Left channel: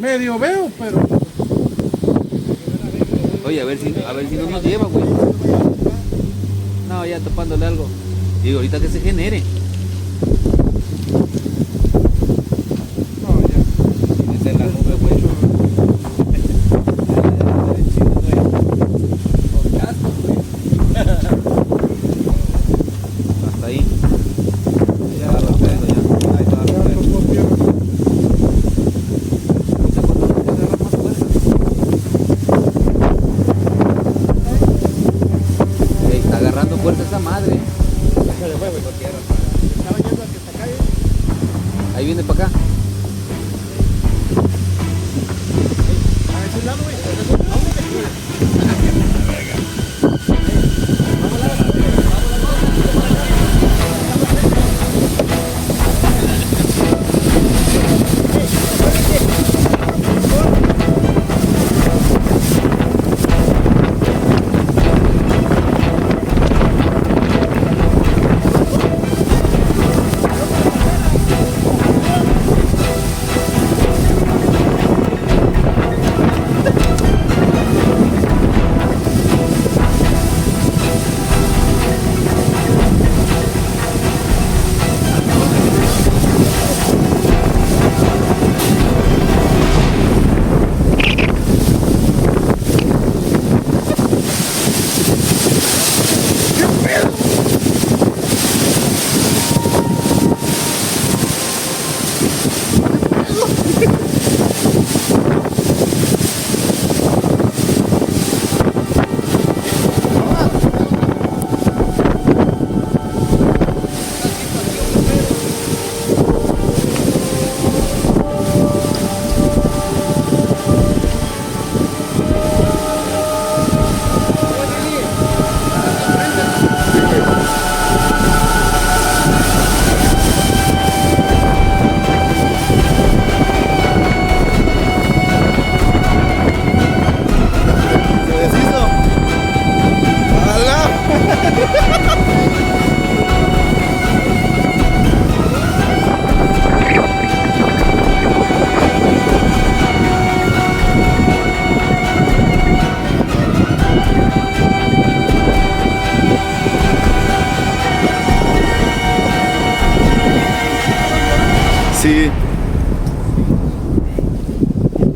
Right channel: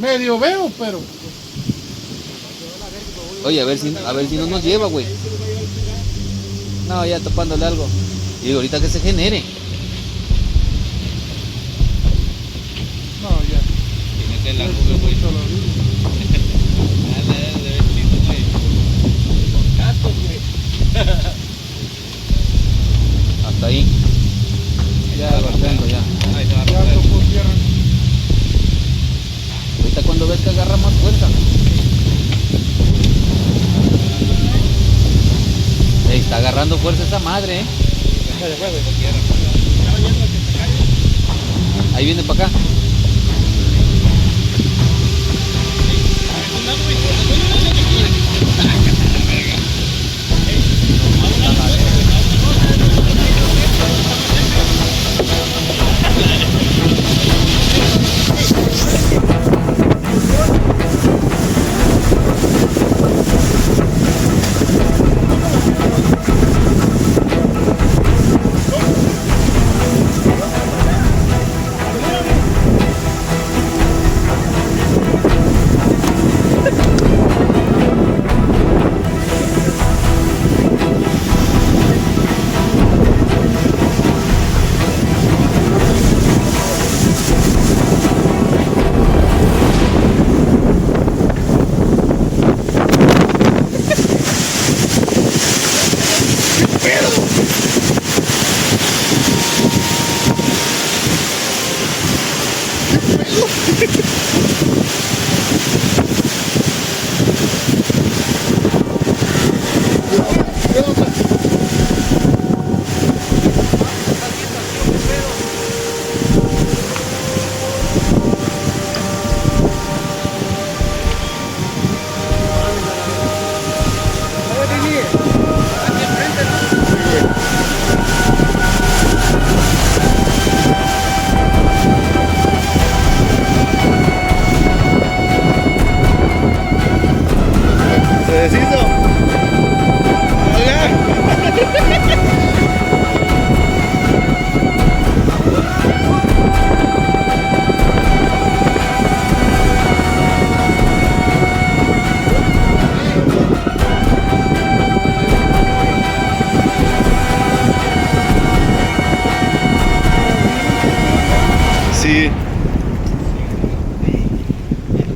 Medio veo, pero... Oye, a ver si no nos lleva, güey. No, ya topándole algo. Y ahorita que se genere. No, ya. Y meter la nube, güey. Dale, dale, chido, güey. Los gatos, güey. Hasta ahí. Ya, ya. Ahí está, Ya no quiero. Ahorita cuando ves que agarra más fuerza. Ahí está agarrando fuerza esa madre, Ya se fue, güey, por tierra.